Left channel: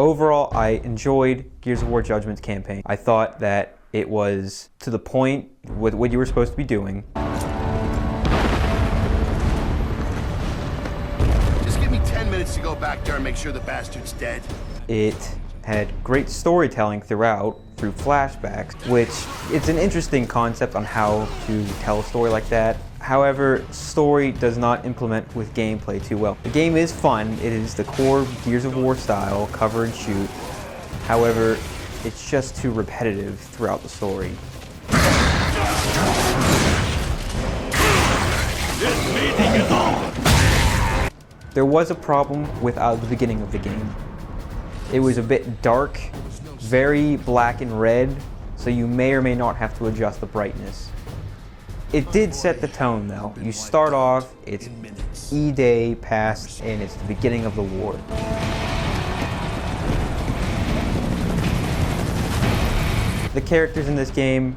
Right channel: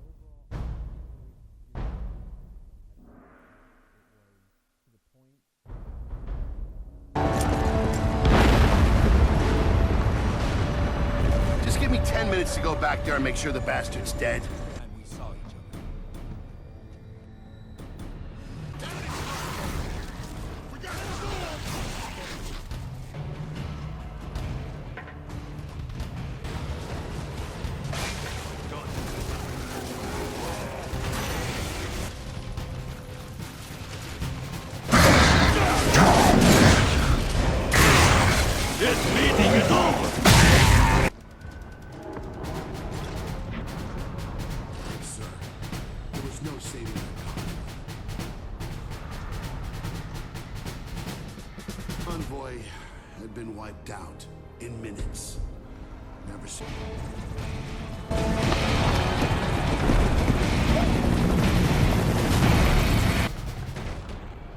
Overall, I enjoyed Gears of War Judgment's campaign. I thought that it was to the point with what you were supposed to be doing. Just give me 10 minutes to go back there and make sure the bastard's dead. It had great storytelling throughout, through flashbacks, which it's an interesting concept on how to tell a story like that. However, story does not implement with gameplay too well. The game is fun. It is the core Gears of War style, cover and shoot. However, it's just too repetitive throughout the story. This meeting is over! There was a problem with the beginning of the game. It was a bit dark, very black and red, so you may or may not have to adjust the brightness. It did set the tone though. You start off, it's E-Day past, and it's the beginning of the war. The characters in this game,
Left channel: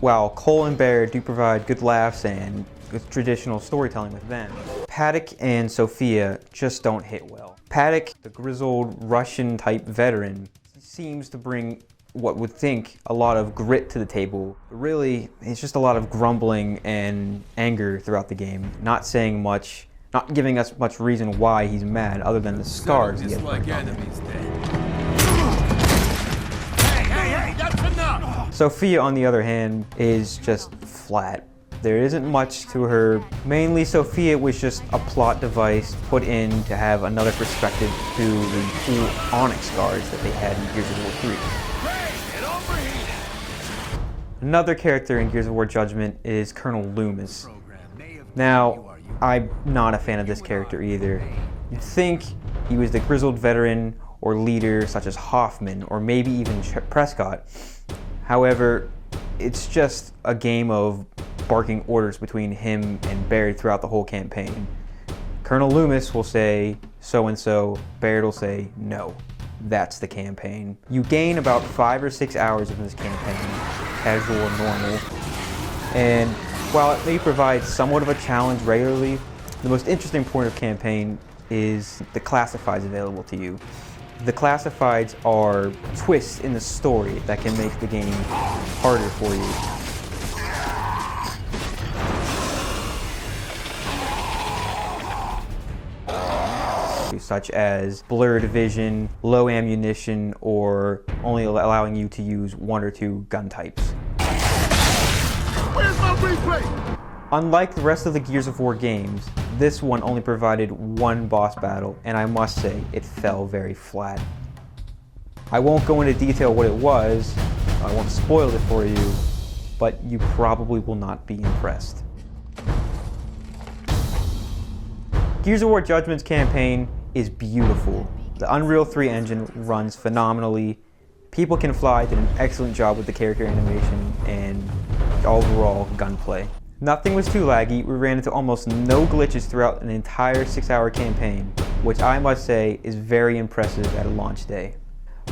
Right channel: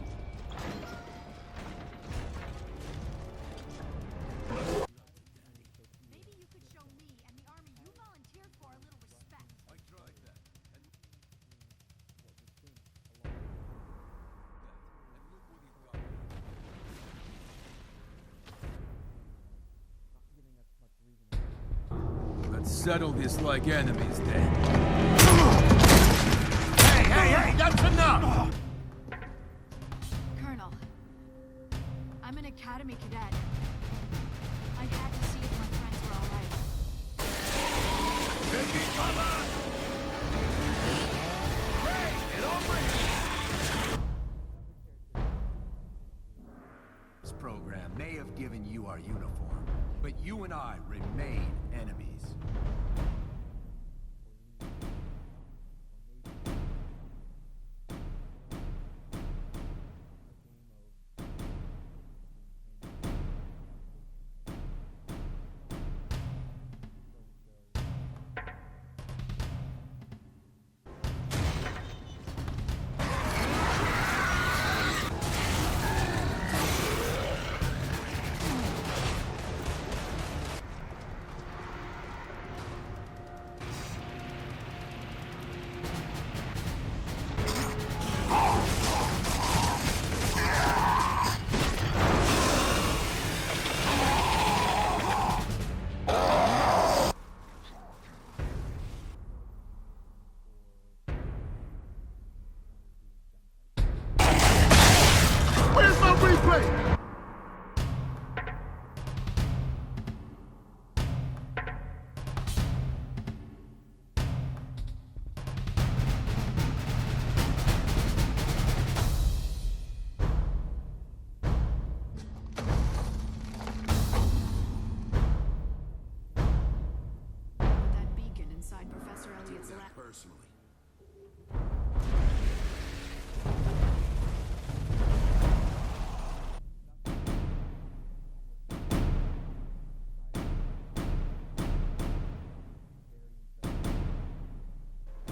while Cole and Baird do provide good laughs and with traditional storytelling with them, Paddock and Sophia just don't hit well. Paddock, the grizzled Russian-type veteran, seems to bring what would think a lot of grit to the table. Really, it's just a lot of grumbling and anger throughout the game, not saying much, not giving us much reason why he's mad other than the scars. Dislike enemies then. Hey, that's enough! Sophia, on the other hand, is just flat. There isn't much to her. Mainly, Sophia was just a plot device put in to have another perspective to the cool Onyx guards that they had in Gears of War 3. Get over here! Another character in Gears of War Judgment is Colonel Loomis. Now, I'm not a fan of this character either. You'd think he was the grizzled veteran or leader such as Hoffman or maybe even Prescott. However, it's just a game of barking orders between him and Baird throughout the whole campaign. Colonel Loomis will say so-and-so, Baird will say no. That's the campaign. You gain about 5 or 6 hours of this campaign, casual and normal. And while it may provide somewhat of a challenge regularly, the most interesting point of campaign is the classifieds available to you. The classifieds are twists in the story that can make the game harder for you. Such as blurred vision, low ammunition, or only allowing you to use 1 or 2 gun types. Where's my replay? Unlike the rest of the Gears of War games, this one only provided 1 boss battle, and I must say, it fell very flat. I won't go into detail what it was, I won't spoil it for you, but you probably will not be impressed. Gears of War Judgment's campaign is beautiful. The Unreal 3 engine runs phenomenally. People Can Fly did an excellent job with the character animation and overall gunplay. Nothing was too laggy. We ran into almost no glitches throughout an entire 6-hour campaign, which I must say is very impressive at a launch day.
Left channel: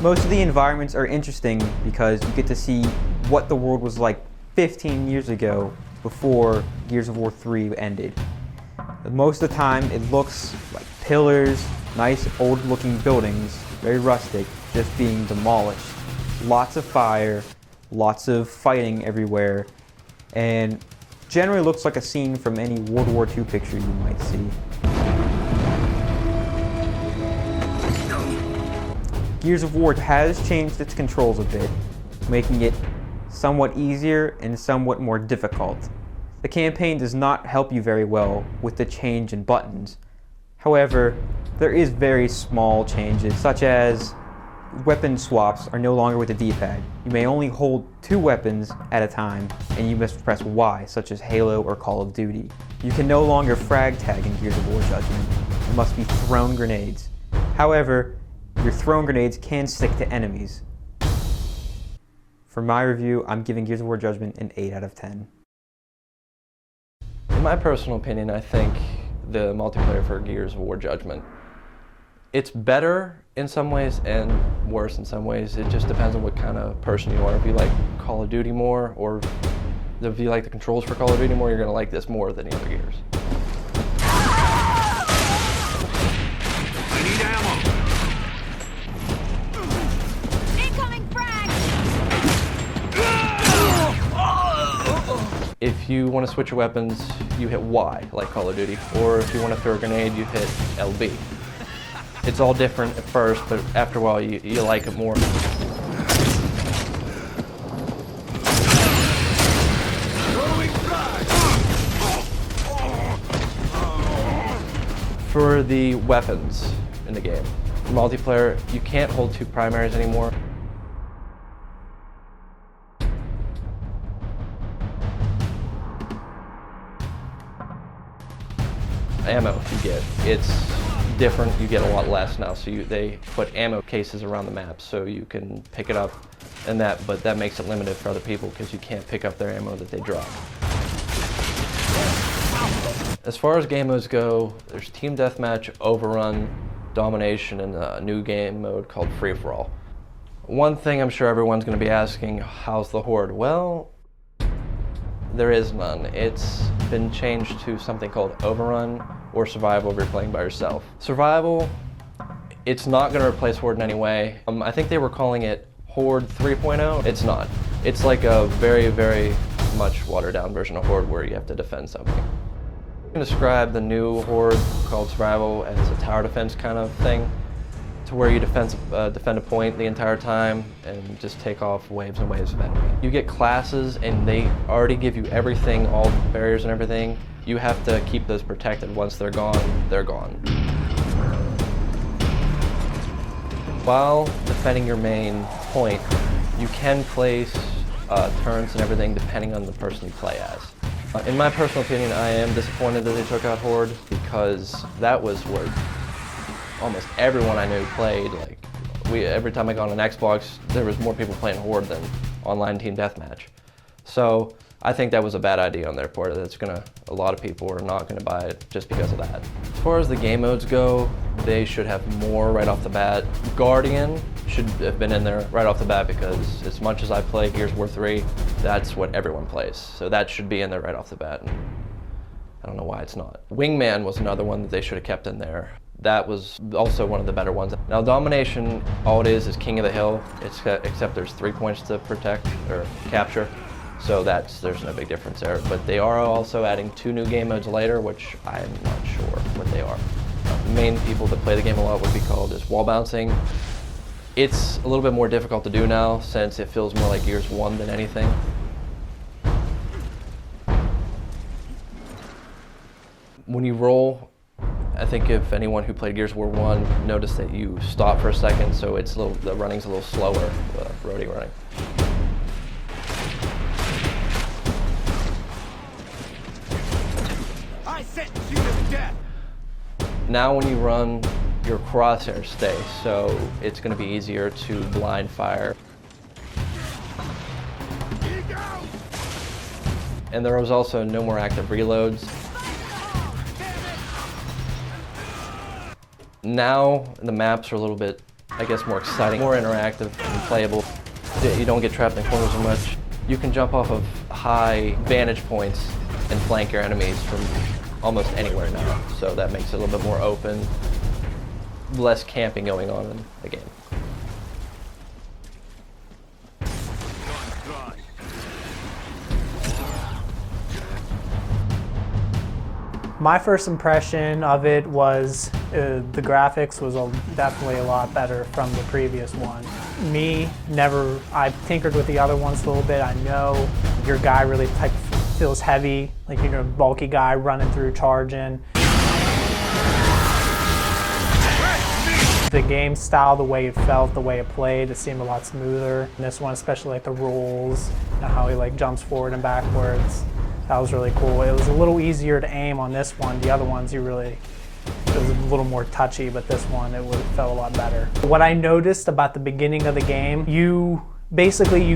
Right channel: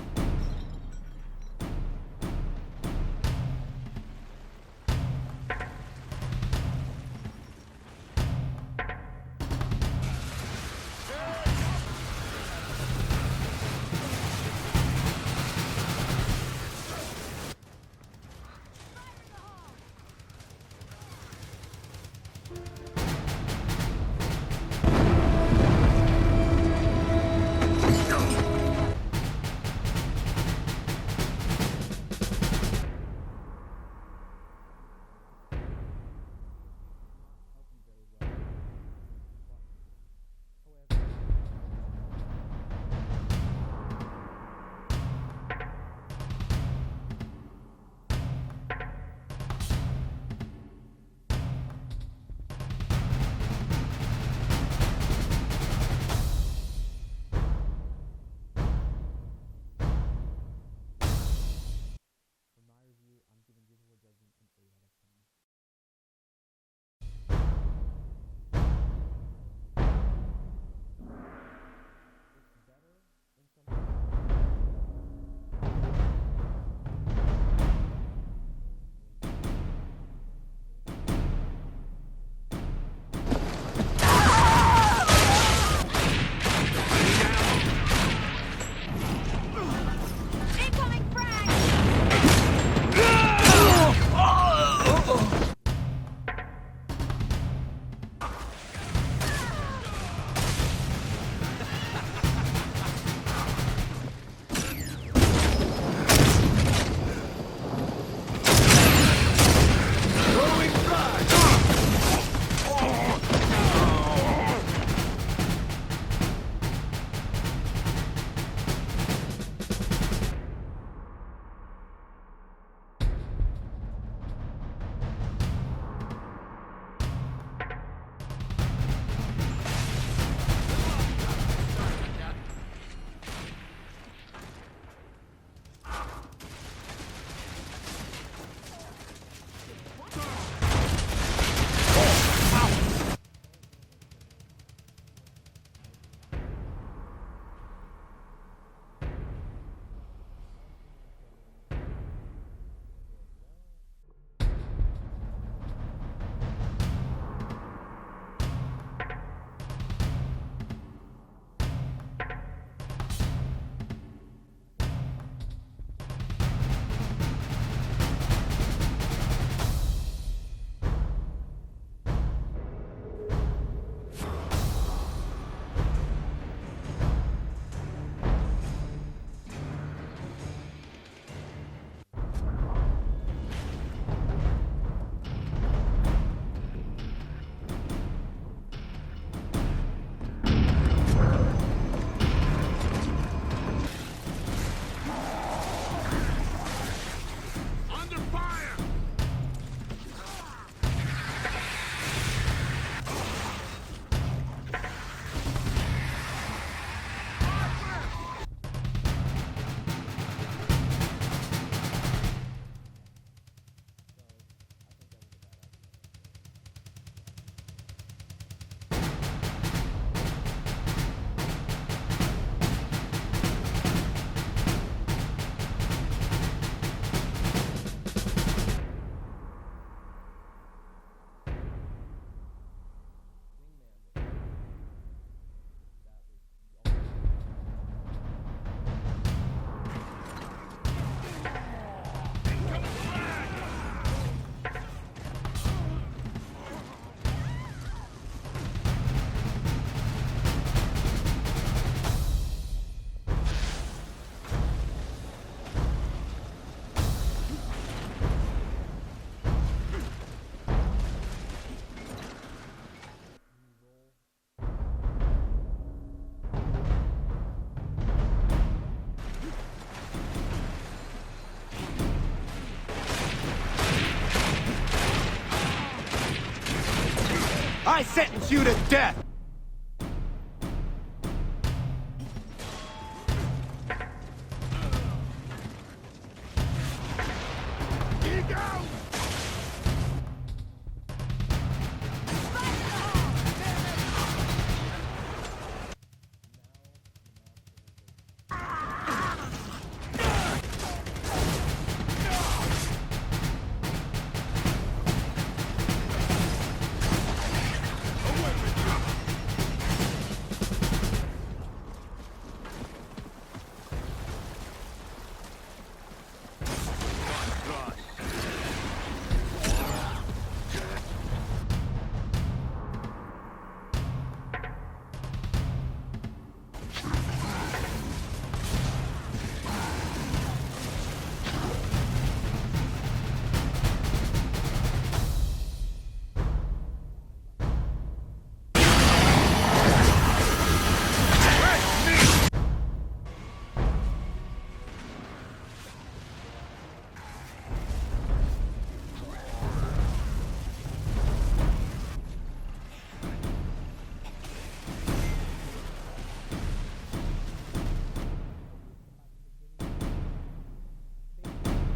Most of the environments are interesting because you get to see what the world was like 15 years ago before Gears of War 3 ended. Most of the time it looks like pillars, nice old looking buildings, very rustic, just being demolished. Lots of fire, lots of fighting everywhere, and generally looks like a scene from any World War II picture you might see. Gears of War has changed its controls a bit, making it somewhat easier and somewhat more difficult. The campaign does not help you very well with the change in buttons. However, there is very small changes, such as weapon swaps are no longer with the D-pad. You may only hold 2 weapons at a time, and you must press Y, such as Halo or Call of Duty. You can no longer frag tag in Gears of War Judgment. You must be thrown grenades. However, your thrown grenades can stick to enemies. For my review, I'm giving Gears of War Judgment an 8 out of 10. In my personal opinion, I think the multiplayer for Gears of War Judgment, it's better in some ways and worse in some ways. It just depends on what kind of person you are. If you like Call of Duty more, or if you like the controls for Call of Duty more, you're going to like this more than the other Gears. I need ammo. If you want to switch your weapons, you hit Y, like Call of Duty. Or if you want to throw a grenade, you hit LB. It's all different at first, but after a while, you like it more. For the weapons in the game, multiplayer, you can't hold 2 primaries anymore. Ammo you get, it's different, you get a lot less now, so they put ammo cases around the map so you can pick it up and but that makes it limited for other people because you can't pick up their ammo that they drop. As far as game modes go, there's Team Deathmatch, Overrun, Domination, and a new game mode called Free For All. One thing I'm sure everyone's going to be asking, how's the Horde? Well, there is none. It's been changed to something called Overrun or Survival if you're playing by yourself. Survival, it's not going to replace Horde in any way. I think they were calling it Horde 3.0. It's not. It's like a very, very much watered down version of Horde where you have to defend something. I can describe the new Horde called Survival as a tower defense kind of thing, to where you defend a point the entire time and just take off waves and waves of enemy. You get classes and they already give you everything, all the barriers and everything. You have to keep those protected. Once they're gone, they're gone. While defending your main point, you can place turns and everything depending on the person you play as. In my personal opinion, I am disappointed that they took out Horde because that was what almost everyone I knew played. Every time I got on an Xbox, there was more people playing Horde than online Team Deathmatch. So I think that was a bad idea on their part. A lot of people are not gonna buy it just because of that. As far as the game modes go, they should have more right off the bat. Guardian should have been in there right off the bat because as much as I play Gears of War 3, that's what everyone plays. So that should be in there right off the bat. And I don't know why it's not. Wingman was another one that they should have kept in there. That was also one of the better ones. Now Domination, all it is King of the Hill, except there's 3 points to protect or capture. So there's no big difference there. But they are also adding 2 new game modes later, which I'm not sure what they are. The main people that play the game a lot would be called is wall bouncing. It's a little bit more difficult to do now since it feels more like Gears 1 than anything. When you roll, I think if anyone who played Gears of War 1 noticed that you stop for a second, so the running's a little slower, the roadie running. I sentence you to death! Now when you run, your crosshairs stay, so it's going to be easier to blind fire. And there was also no more active reloads. Now the maps are a little bit, I guess, more exciting, more interactive, playable. You don't get trapped in corners as much. You can jump off of high vantage points and flank your enemies from almost anywhere now. So that makes it a little bit more open, less camping going on in the game. My first impression of it was the graphics was definitely a lot better from the previous one. I tinkered with the other ones a little bit. I know your guy really feels heavy, like you're a bulky guy running through, charging. The game style, the way it felt, the way it played, it seemed a lot smoother. And this one, especially like the rolls, how he jumps forward and backwards. That was really cool. It was a little easier to aim on this one. The other ones, it was a little more touchy, but this one, it felt a lot better. What I noticed about the beginning of the game, you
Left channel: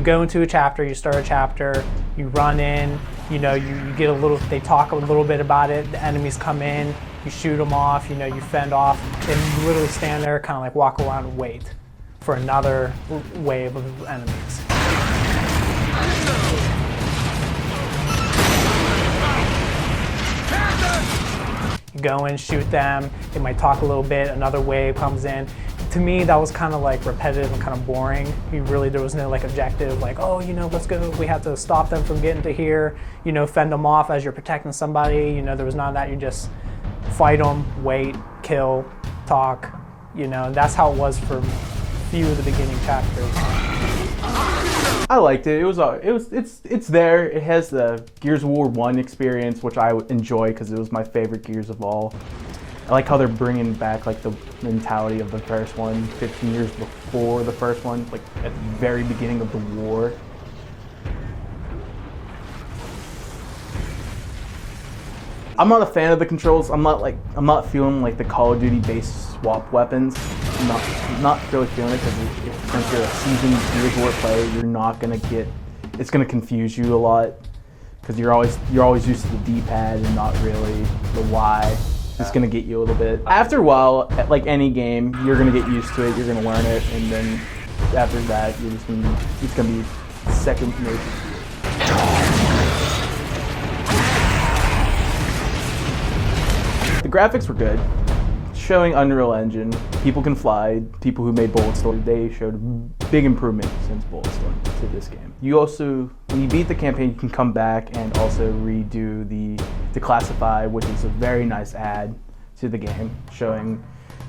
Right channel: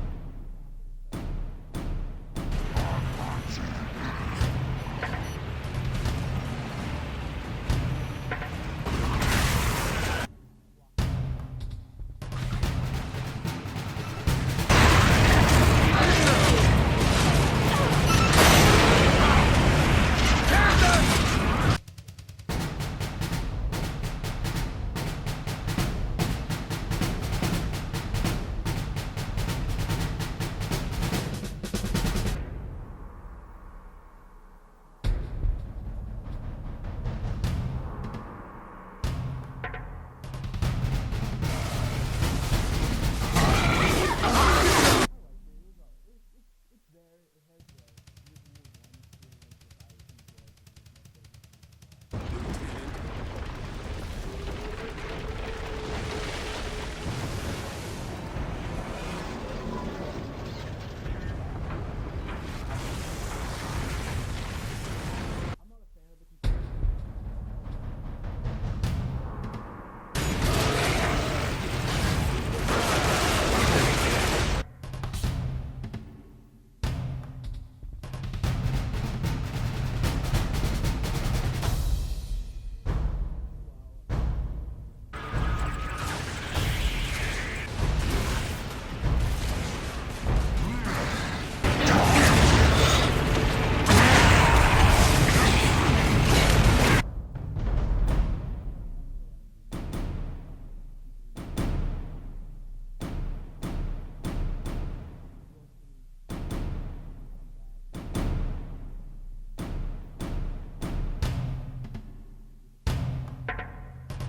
go into a chapter, you start a chapter, you run in, you get they talk a little bit about it, the enemies come in, you shoot them off, you fend off, and you literally stand there, kind of walk around and wait for another wave of enemies. You go in, shoot them, they might talk a little bit, another wave comes in. to me, that was kind of like repetitive and kind of boring. There was no like objective, like, oh, you know, let's go, we have to stop them from getting to here, you know, fend them off as you're protecting somebody. You know, there was none of that. You just fight them, wait, kill, talk, you know, and that's how it was for a few of the beginning chapters. I liked it. It's there. It has the Gears of War 1 experience, which I enjoy because it was my favorite Gears of all. I like how they're bringing back like the mentality of the first one, 15 years before the first one, like at the very beginning of the war. I'm not a fan of the controls. I'm not feeling like the Call of Duty based swap weapons. I'm not really feeling it because if you're a seasoned Gears of War player, you're not gonna get. It's gonna confuse you a lot because you're always used to the D-pad and not really the Y. It's gonna get you a little bit. After a while, like any game, you're gonna get used to it. You're gonna learn it, and then after that, it's gonna be second nature. The graphics were good. Showing Unreal Engine, people can fly. People who made Bulletstorm, they showed a big improvement since Bulletstorm to this game. You also, when you beat the campaign, you can come back and also redo the Declassify, which is a very nice add to the game, showing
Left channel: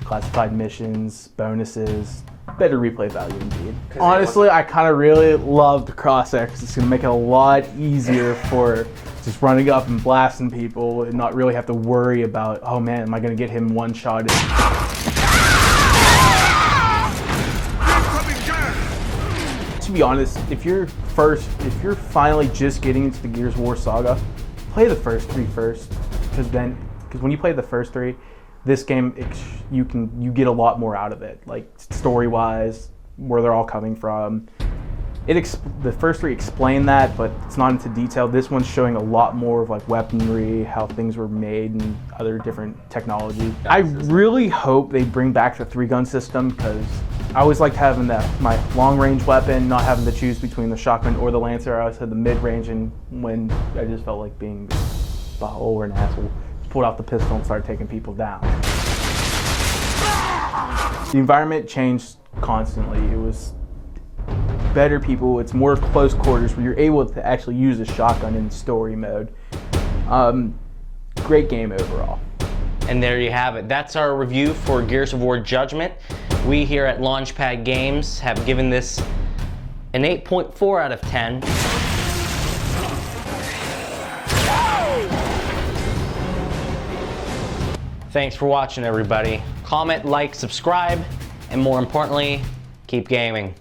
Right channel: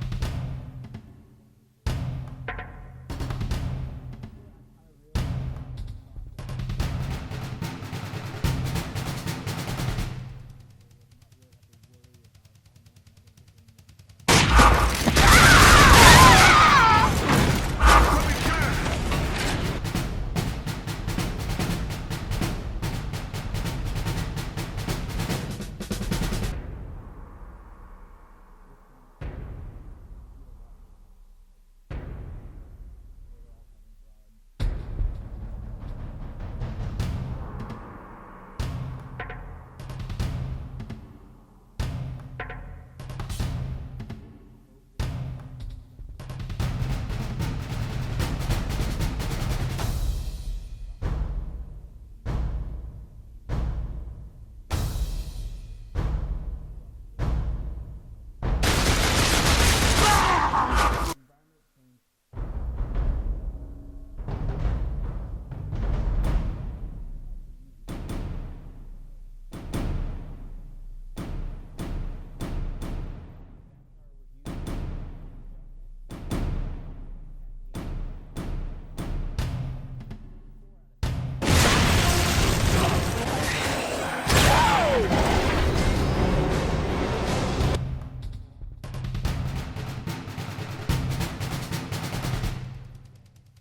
classified missions, bonuses, better replay value indeed. Honestly, I kind of really love the crosshair because it's going to make it a lot easier for just running up and blasting people and not really have to worry about, oh man, am I going to get him one-shotted? To be honest, if you're finally just getting into the Gears of War saga, play the first three first, because when you play the first three, this game you get a lot more out of it, like story-wise, where they're all coming from. The first three explain that, but it's not into detail. This one's showing a lot more of like weaponry, how things were made, and other different technology. I really hope they bring back the 3-gun system because I always liked having my long-range weapon, not having to choose between the shotgun or the Lancer. I always had the mid-range, and when I just felt like being a butthole or an asshole, pulled out the pistol and started taking people down. The environment changed constantly. It was better people, it's more close quarters where you're able to actually use a shotgun in story mode. Great game overall. And there you have it. That's our review for Gears of War Judgment. We here at Launchpad Games have given this an 8.4 out of 10. Thanks for watching, everybody. Comment, like, subscribe, and more importantly, keep gaming.